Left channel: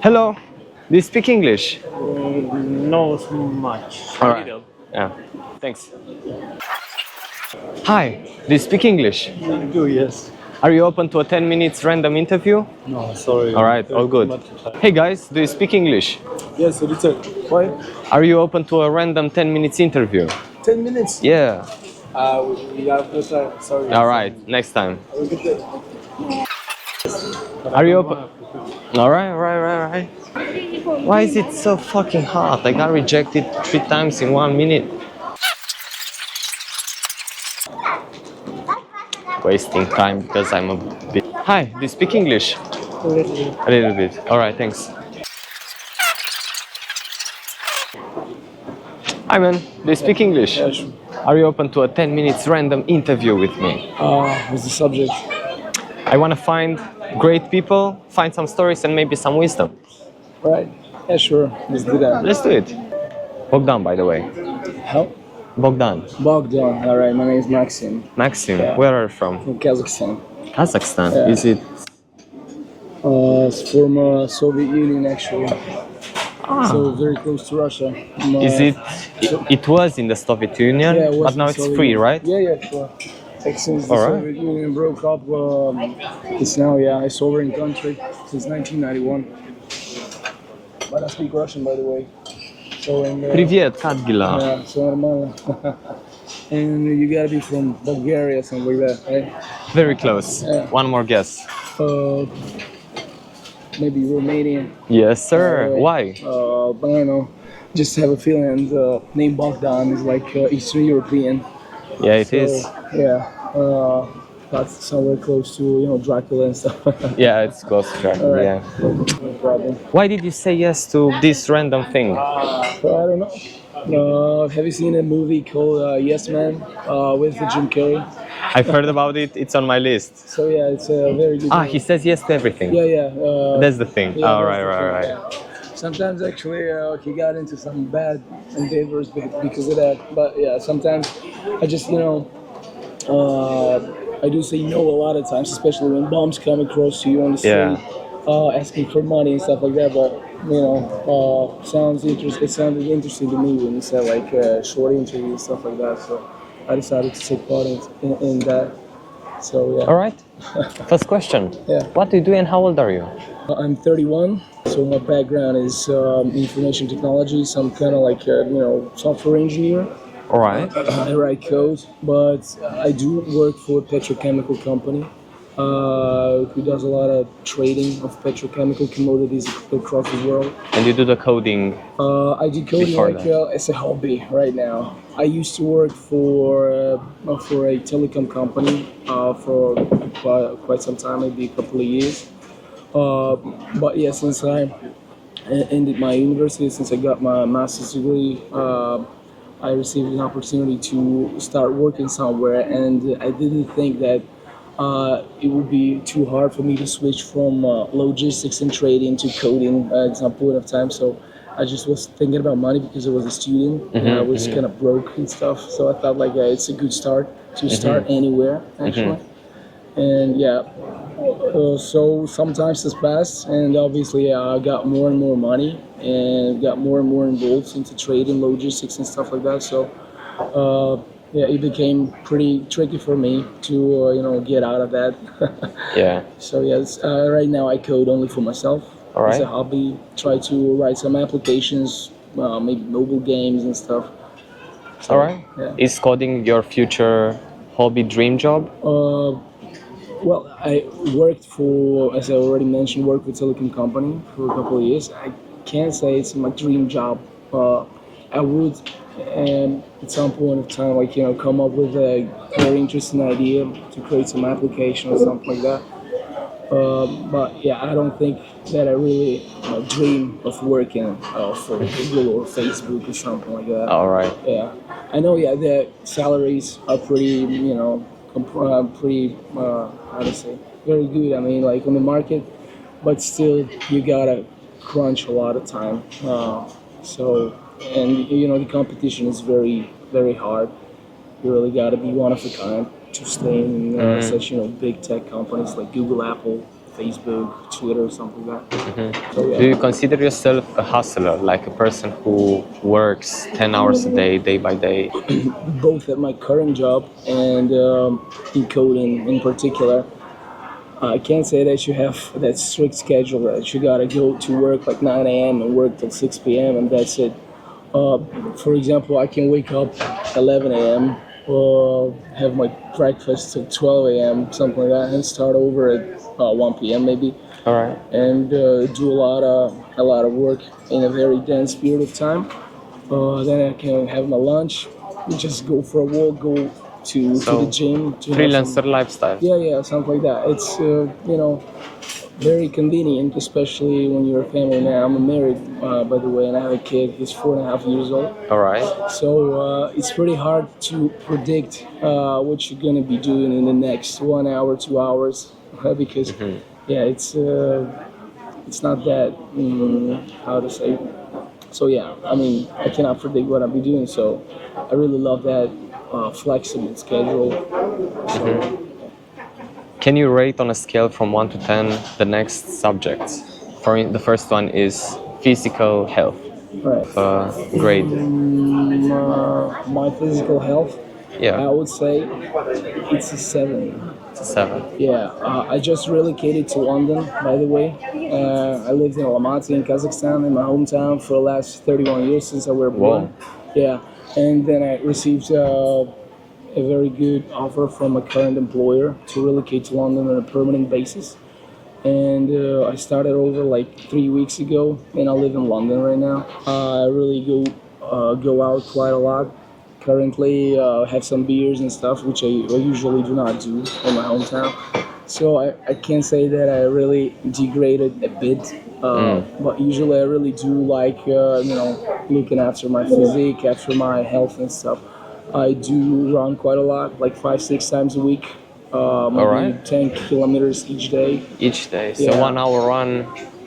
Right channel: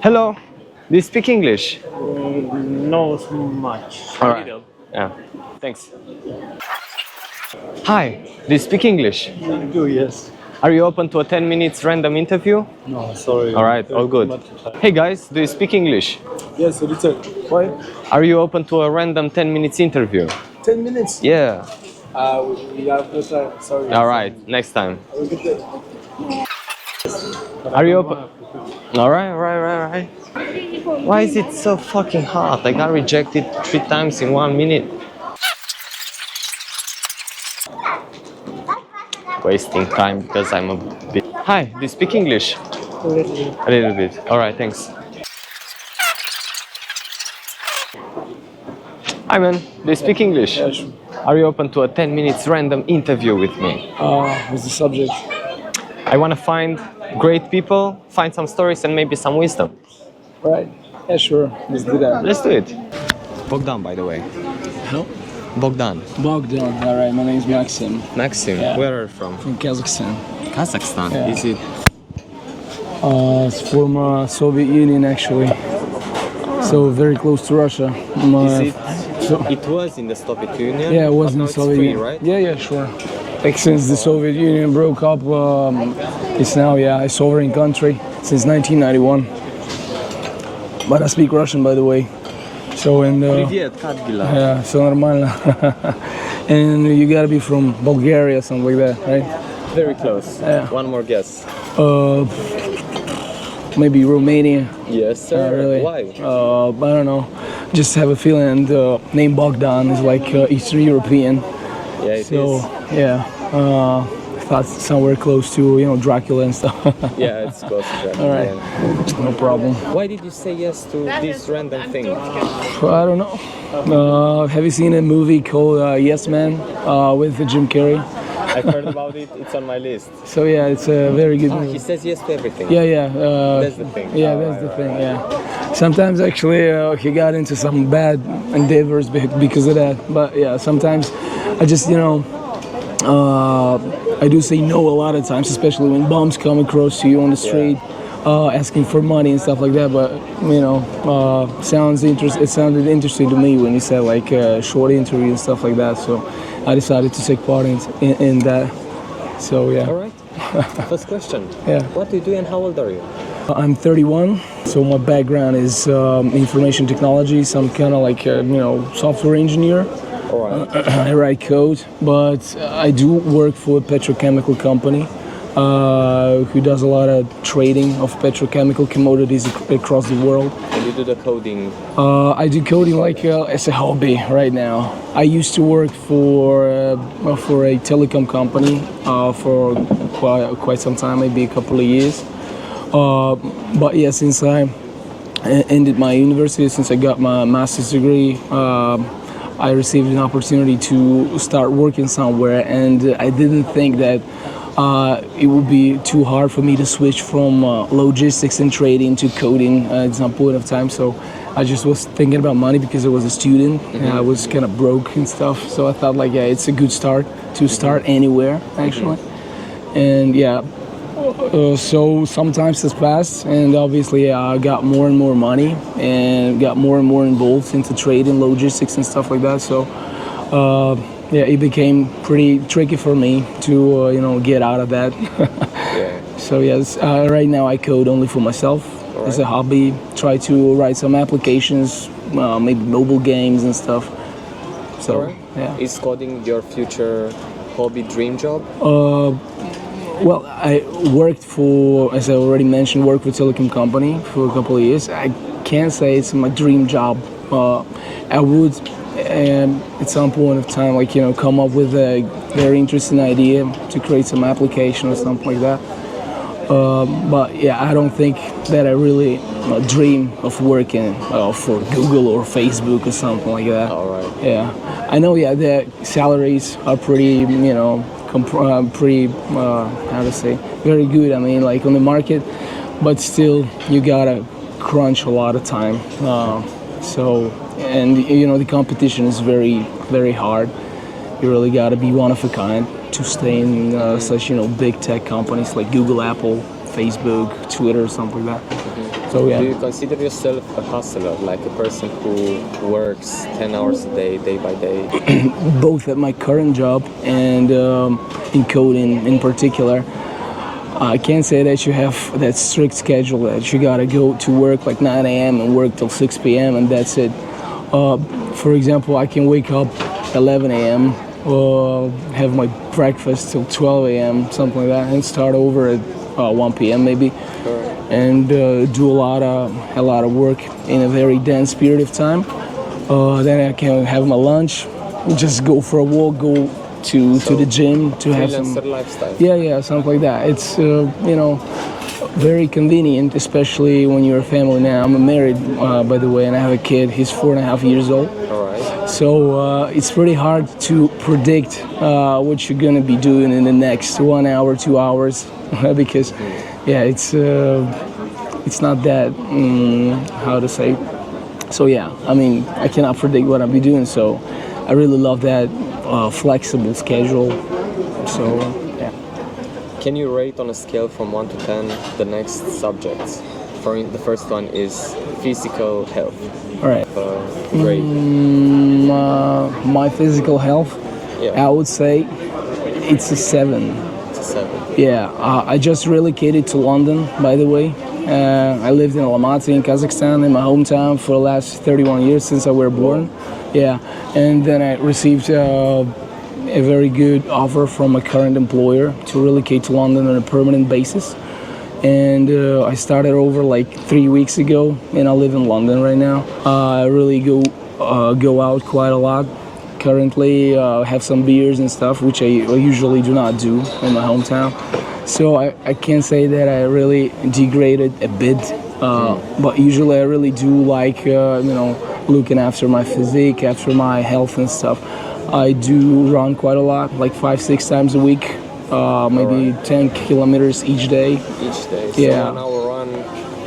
Hello, do you speak English? No so much. All right. Yeah, thanks. Hi, do you speak English? I do, yes. Are you open to a 10 minutes random interview? No, sorry. All right, all good. Hey guys, do you speak English? Yes, a little. Why? Are you open to a random 10 minutes interview? 10 minutes? Yeah. We have no time. Sorry. All right, next time. Have a good day. Are you open? All right, all right. Why is it so fucking hard? I got rejected 3 times in 1 minute. Wasting time because I'm a bit... Hi, do you speak English? A little bit. A little bit. All right, thanks. Hi man, do you speak English? Yeah, sure. Are you open to a 10 minutes random interview with me? What's the subject? I want to find great people, find some stories and maybe some wisdom. Right. Yeah, sure. Let's do that. Let's do it. Bogdan, by the way. How? Bogdan. Bogdan. All right. My name is Maxim. Maxim, Yeah. where are you from? From Kazakhstan. Kazakhstan. Yeah. Is it? It's from Soviet Union, actually. So very close to Russia. Is it? It was in the Soviet Union, Yeah, it was but in now the it's Soviet free, Union. right? Yeah, sure. Like since the All right. Soviet Union broke up, it's now a sovereign country since 1991. But I speak Russian, by the way. So Привет, как дела? yeah, so нормально. And you gotta be from Bulgaria, something like that, right? Very close. Yeah. One more guess. Maybe Romania. Yes, sir. Really. Why? I don't know. Just have a feeling. And the name Bogdan is like Eastern European. Yeah, it is. Yeah. I thought somewhere close to Dracula and stuff. Yeah, it's close to Germany. All right. Yeah. No problem. Why did you say yes to this random thing? I don't know. Have you seen a movie called Yes Man with Jim Carrey? I've heard about it. It's on my list. So yeah, it's a very good movie. He says yes to everything. Yeah. That's the thing. Yeah, Oh, that's right, the right, thing, right. yeah. Sometimes actually he got into some bad endeavors because of that. But yeah, sometimes I just I do say no a lot of times, especially when bums come across to you on the street. Asking for money and stuff like that, but it sounded interesting to me when you said like short interview and stuff like that. So I decided to take part in that. So yeah. All right. First question. Yeah. What do you do and how old are you? I'm 31. So my background is information technology. So I'm kind of like software engineer. All right. I write code, but I do work for a petrochemical company who does a lot of trading of petrochemical commodities across the world. And you do the coding? I do coding like as a hobby right now. I used to work for a telecom company for quite some time, maybe a couple of years. But yeah, since I ended my university, since I got my master's degree, I received an opportunity to start working somewhere, and I didn't think that it would be too hard for me to switch from logistics and trading to coding at some point of time. So I just was thinking about money because I was a student and I was kind of broke and stuff. So I thought like, yeah, it's a good start to start anywhere actually. And yeah, so sometimes it's passed, and obviously I got more and more money and got more and more involved into trading, logistics and stuff like that. So yeah, it became pretty tricky for me to get out of that. Yeah. So yes, right now I code only for myself as a hobby. Try to write some applications, maybe mobile games and stuff. So, all right. Yeah. Is coding your future hobby dream job? Well, I worked for, as I already mentioned, worked for a telecom company for a couple of years. I can't say it's my dream job. I would, at some point of time, come up with a very interesting idea to create some application or something like that. But yeah, I don't think that I really dream of working for Google or Facebook or something like that. All right. Yeah, I know. Yeah, the salaries are pretty, how to say, very good. I mean, like on the market, but still, you gotta crunch a lot of time. And the competition is very, very hard. You really gotta be one of a kind to stay in such big tech companies like Google, Apple, Facebook, Twitter, something like that. So yeah. Do you consider yourself a hustler, like a person who works 10 hours a day, day by day? Both at my current job and in coding in particular. I can't say that you have that strict schedule that you gotta go to work like 9 a.m. and work till 6 p.m. and that's it. For example, I can wake up 11 a.m. Have my breakfast till 12 a.m. something like that, and start over at 1 p.m. maybe. All right. And do a lot of work in a very dense period of time. Then I can have my lunch, just go for a walk, go to the gym to have freelancer some, lifestyle. yeah, something like that. It's very convenient, especially when you're a family man. I'm married, by the way, and I have a kid. He's 4.5 years old. All right. So it's pretty hard to predict what you're gonna be doing in the next 1 hour, 2 hours, because yeah, it's not that how to say. So yeah, I mean, I cannot predict what I'll be doing. So I really love that flexible schedule. So yeah. Can you rate on a scale from 1 to 10 the next subjects? The first one is physical health. All right. Grade. My physical health, Yeah. I would say it's a 7. It's a 7. Yeah, I just relocated to London, by the way. I lived in Almaty in Kazakhstan, in my hometown, for the last 31 years since I was born. Wow. Yeah, and then I received a very good offer from my current employer to relocate to London on a permanent basis. And I started over like 3 weeks ago, and I live in London right now. I really go out quite a lot. Currently, have some beers and stuff, which I usually do not do in my hometown. So I can say that I really degraded a bit. But usually I really do like, looking after my physique, after my health and stuff. I do run quite a lot, like 5-6 times a week, maybe 10 kilometers each day. Each day. So Yeah. 1 hour run.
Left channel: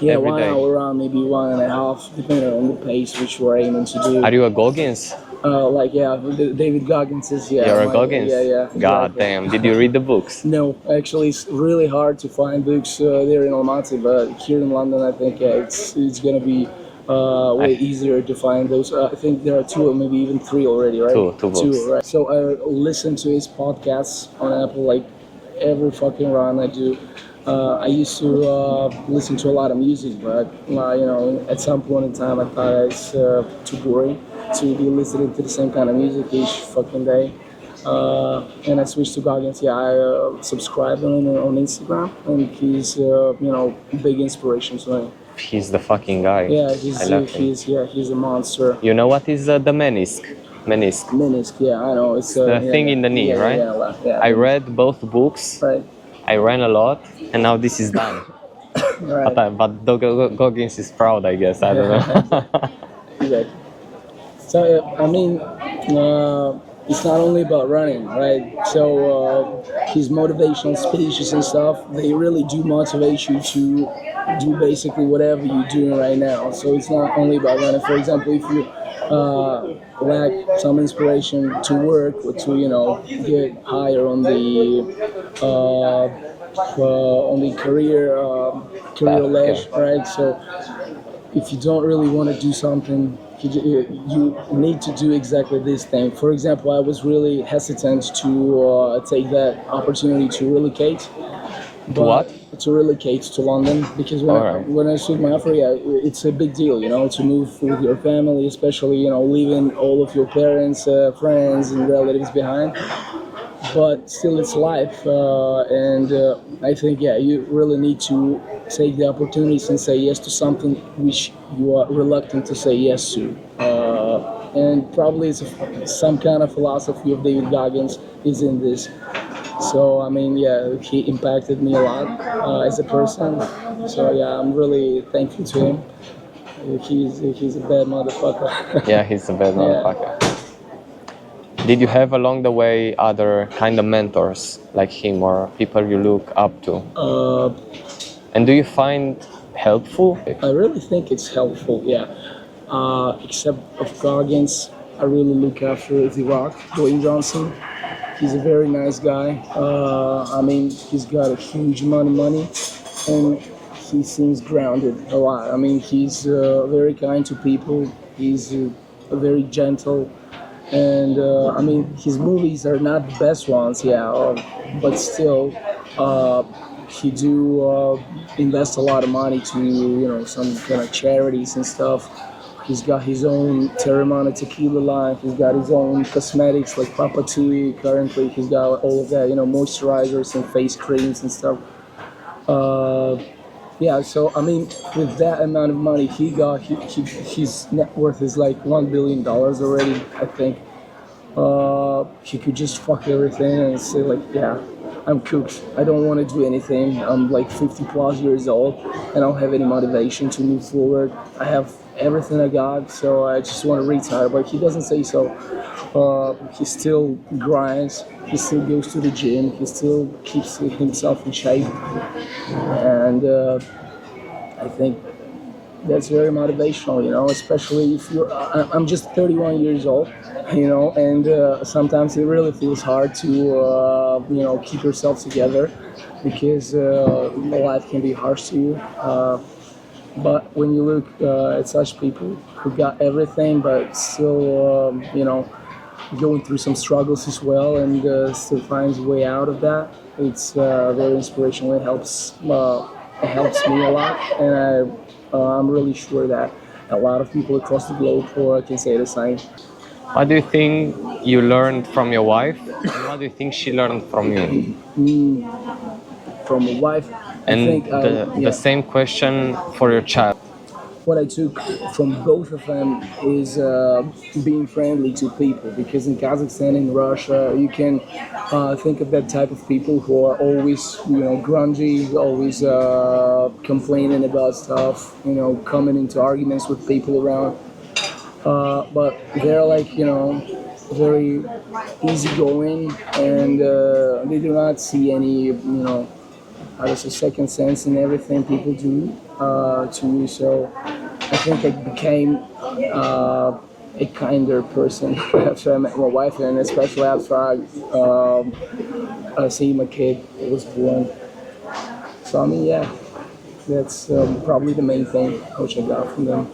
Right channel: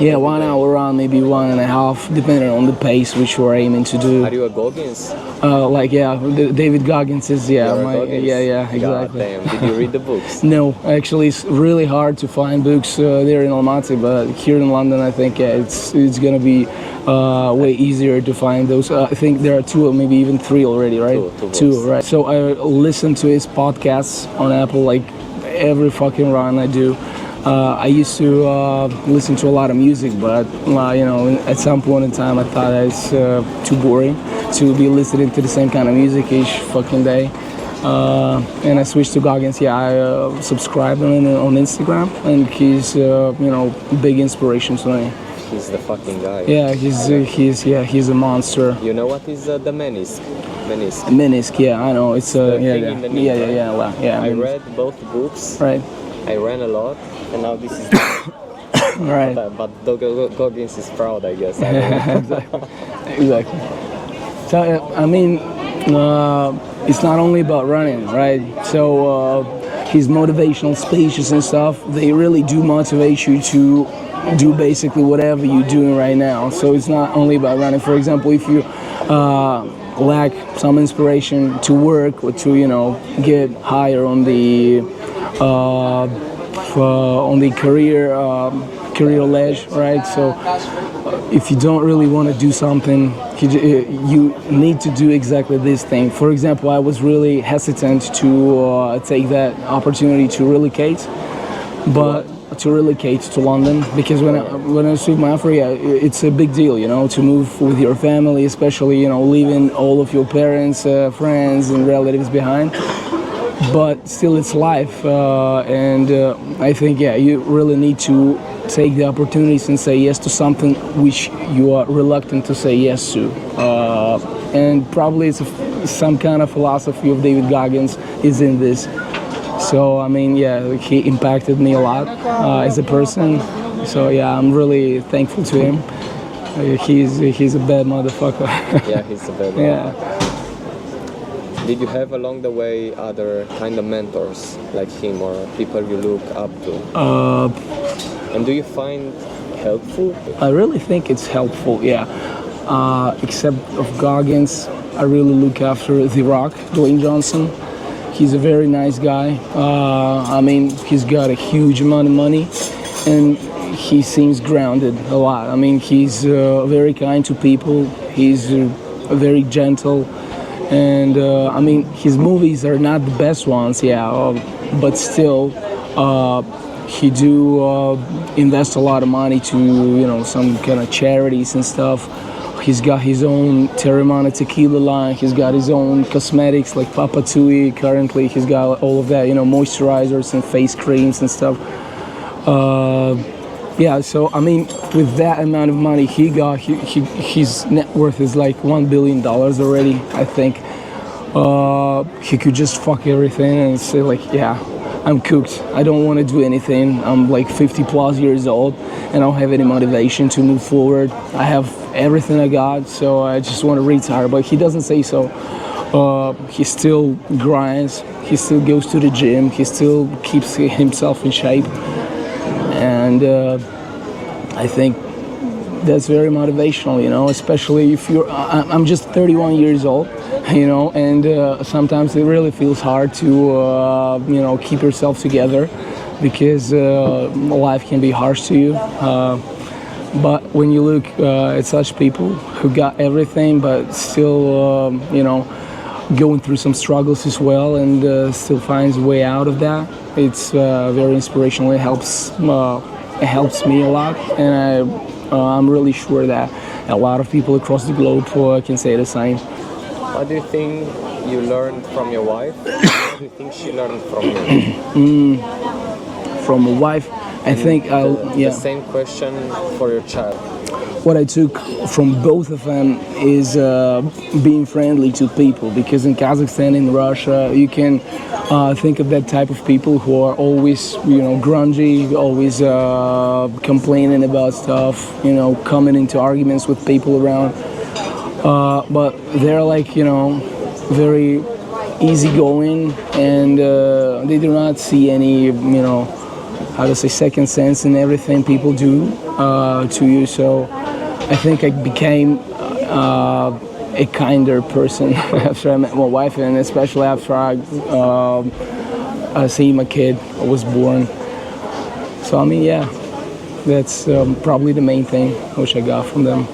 Yeah, every 1 day. hour run, maybe 1.5, depending on the pace which you're aiming to do. Are you a Goggins? David Goggins is, yeah. You're a Goggins? Yeah, exactly. God damn. Did you read the books? No, actually, it's really hard to find books there in Almaty, but here in London, I think it's going to be way easier to find those. I think there are 2, maybe even 3 already, right? Two books. Right. So I listen to his podcasts on Apple like every fucking run I do. I used to listen to a lot of music, but at some point in time, I thought it's too boring to be listening to the same kind of music each fucking day. And I switched to Goggins. Yeah, I subscribed on Instagram, and he's big inspiration to me. He's the fucking guy. Yeah, he's a monster. You know what is the menisc? Menisc. Menisc, yeah, I know. It's the thing in the knee, yeah, right? Yeah. I read both books. Right. I ran a lot, and now this is done. Right. But Goggins is proud, I guess. I don't know. Exactly. So I mean, it's not only about running, right? So his motivational speeches and stuff, they really do motivate you to do basically whatever you're doing right now. So it's not only about running. For example, if you lack some inspiration to work or to get higher on the career ledge, right? So if you don't really want to do something, you need to do exactly this thing. For example, I was really hesitant to take that opportunity to relocate, but to relocate to London, because when I took my offer, it's a big deal, to move with your family, especially leaving all of your parents, friends, and relatives behind. But still, it's life, and I think you really need to take the opportunities and say yes to something which you are reluctant to say yes to. And probably it's some kind of philosophy of David Goggins is in this. So I mean, he impacted me a lot as a person. So I'm really thankful to him. He's a bad motherfucker. Yeah, he's a bad motherfucker. Did you have along the way other kind of mentors like him or people you look up to? And do you find helpful? I really think it's helpful, yeah. Except of Goggins, I really look after The Rock, Dwayne Johnson. He's a very nice guy. I mean, he's got a huge amount of money, and he seems grounded a lot. I mean, he's very kind to people. He's very gentle, and I mean, his movies are not the best ones, yeah, but still, he do invest a lot of money to some kind of charities and stuff. He's got his own Terramana tequila line. He's got his own cosmetics like Papa Tui. Currently, he's got all of that, moisturizers and face creams and stuff. Yeah, so I mean, with that amount of money he got, his net worth is like $1 billion already. I think he could just fuck everything and say like, yeah, I'm cooked. I don't want to do anything. I'm like 50 plus years old and I don't have any motivation to move forward. I have everything I got, so I just want to retire. But he doesn't say so. He still grinds. He still goes to the gym. He still keeps himself in shape. And I think that's very motivational, especially if you're, I'm just 31 years old, and sometimes it really feels hard to, keep yourself together because life can be harsh to you. But when you look at such people who got everything but still, going through some struggles as well and still finds a way out of that, it's very inspirational. It helps me a lot, and I'm really sure that a lot of people across the globe can say the same. What do you think you learned from your wife? What do you think she learned from you? From a wife, and I think the same question for your child. What I took from both of them is being friendly to people, because in Kazakhstan, in Russia, you can think of that type of people who are always, grungy, always complaining about stuff, coming into arguments with people around. But they're like, very easygoing, and they do not see any, second sense in everything people do to you. So I think I became a kinder person after I met my wife, and especially after I see my kid was born. So I mean, yeah, that's probably the main thing which I got from them.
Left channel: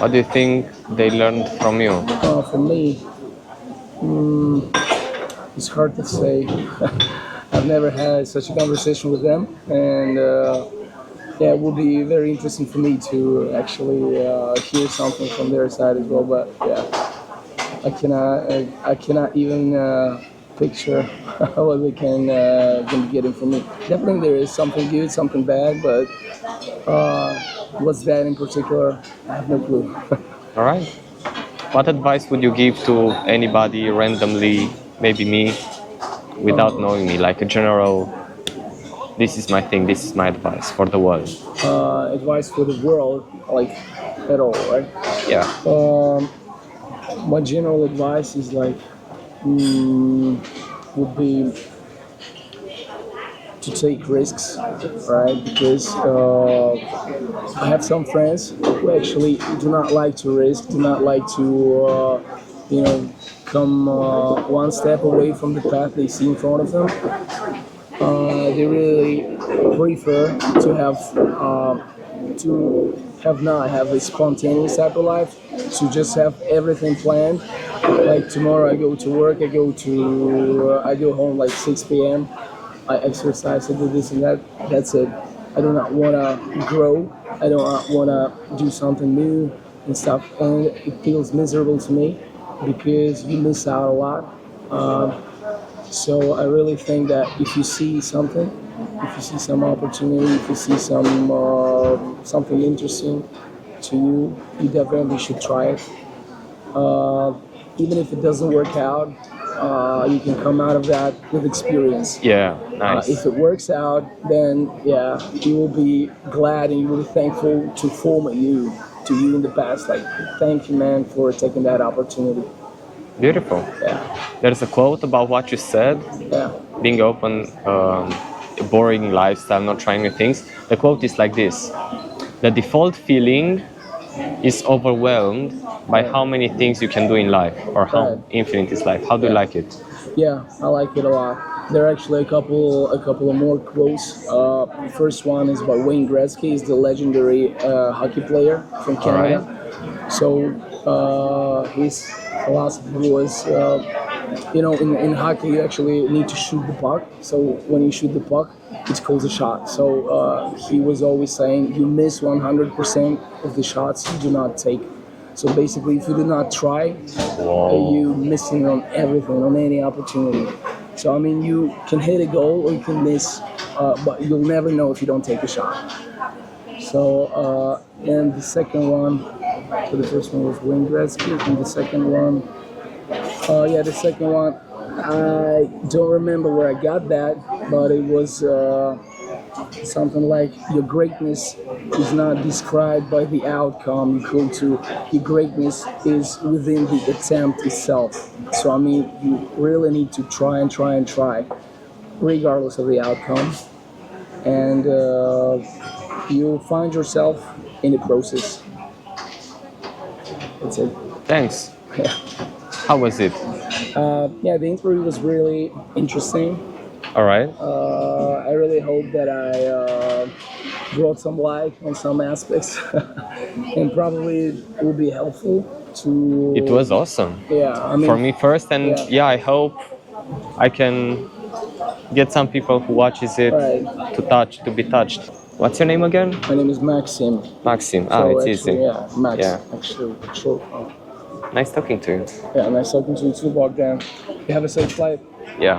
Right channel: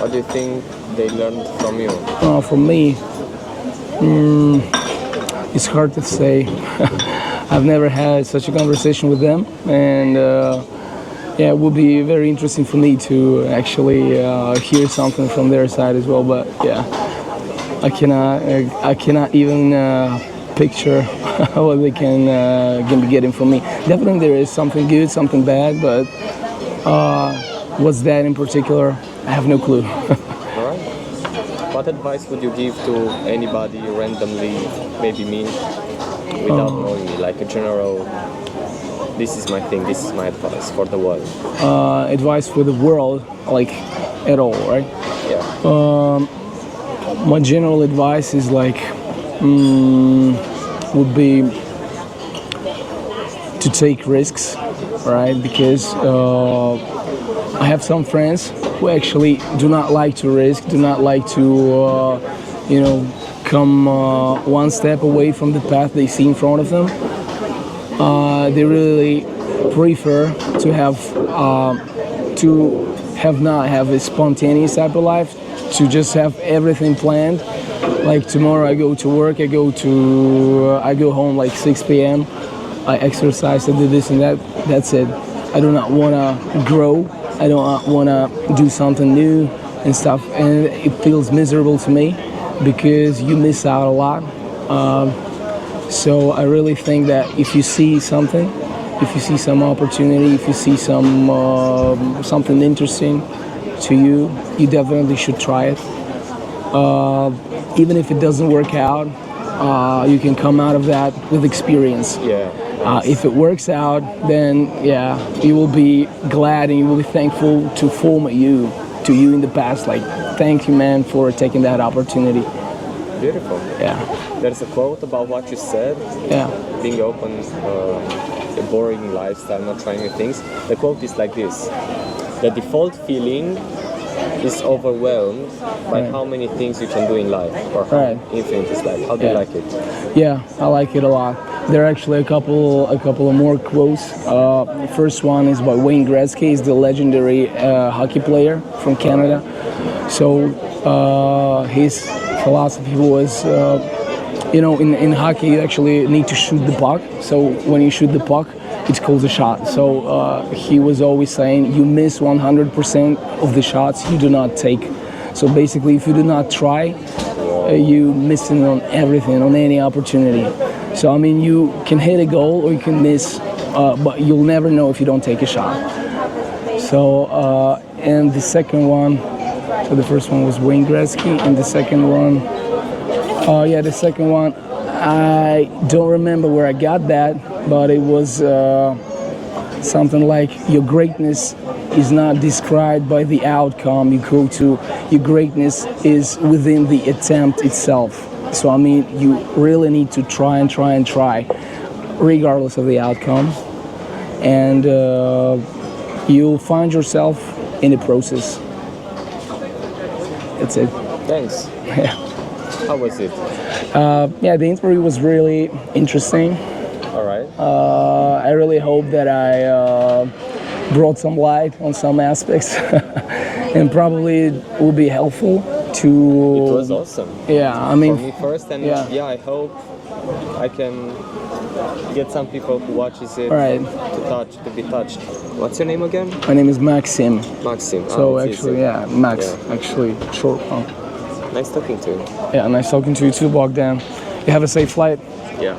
What do you think they learned from you? From me, it's hard to say. I've never had such a conversation with them, and it will be very interesting for me to actually hear something from their side as well. But yeah, I cannot even picture what they can be getting from me. Definitely there is something good, something bad, but what's that in particular? I have no clue. All right. What advice would you give to anybody randomly, maybe me, without knowing me, like a general, this is my thing, this is my advice for the world? Advice for the world, like at all, right? Yeah. My general advice is like, would be to take risks, right? Because I have some friends who actually do not like to risk, do not like to, come one step away from the path they see in front of them. They really prefer not have a spontaneous type of life, to just have everything planned. Like tomorrow I go to work, I go home like 6 p.m. I exercise, I do this and that. That's it. I do not want to grow. I do not want to do something new and stuff. And it feels miserable to me because you miss out a lot. So I really think that if you see something, if you see some opportunity, if you see something interesting to you, you definitely should try it. Even if it doesn't work out, you can come out of that with experience. Yeah, nice. If it works out, then yeah, you will be glad and you will be thankful to you in the past. Like, thank you, man, for taking that opportunity. Beautiful. Yeah. There's a quote about what you said. Yeah. Being open, a boring lifestyle, not trying new things. The quote is like this: the default feeling is overwhelmed by how many things you can do in life, or how infinite is life. How do you like it? Yeah, I like it a lot. There are actually a couple of more quotes. The first one is by Wayne Gretzky. He's the legendary hockey player from Canada. So his philosophy was, in hockey you actually need to shoot the puck. So when you shoot the puck, it's called a shot. So he was always saying, you miss 100% of the shots you do not take. So basically, if you do not try, you missing on everything, on any opportunity. So I mean, you can hit a goal or you can miss, but you'll never know if you don't take a shot. So and the second one, so the first one was Wayne Gretzky, and the second one, I don't remember where I got that, but it was something like, your greatness is not described by the outcome you go to. Your greatness is within the attempt itself. So I mean, you really need to try and try and try, regardless of the outcome, and you'll find yourself in the process. That's it. Thanks. Yeah. How was it? Yeah, the interview was really interesting. All right. I really hope that I brought some light on some aspects and probably it will be helpful to... It was awesome. Yeah, I mean... For me first, and yeah, I hope I can get some people who watches it to be touched. What's your name again? My name is Maxim. Maxim. So it's actually, easy. yeah, Max, actually, short form. Nice talking to you. Yeah, nice talking to you too, Bogdan. You have a safe flight. Yeah.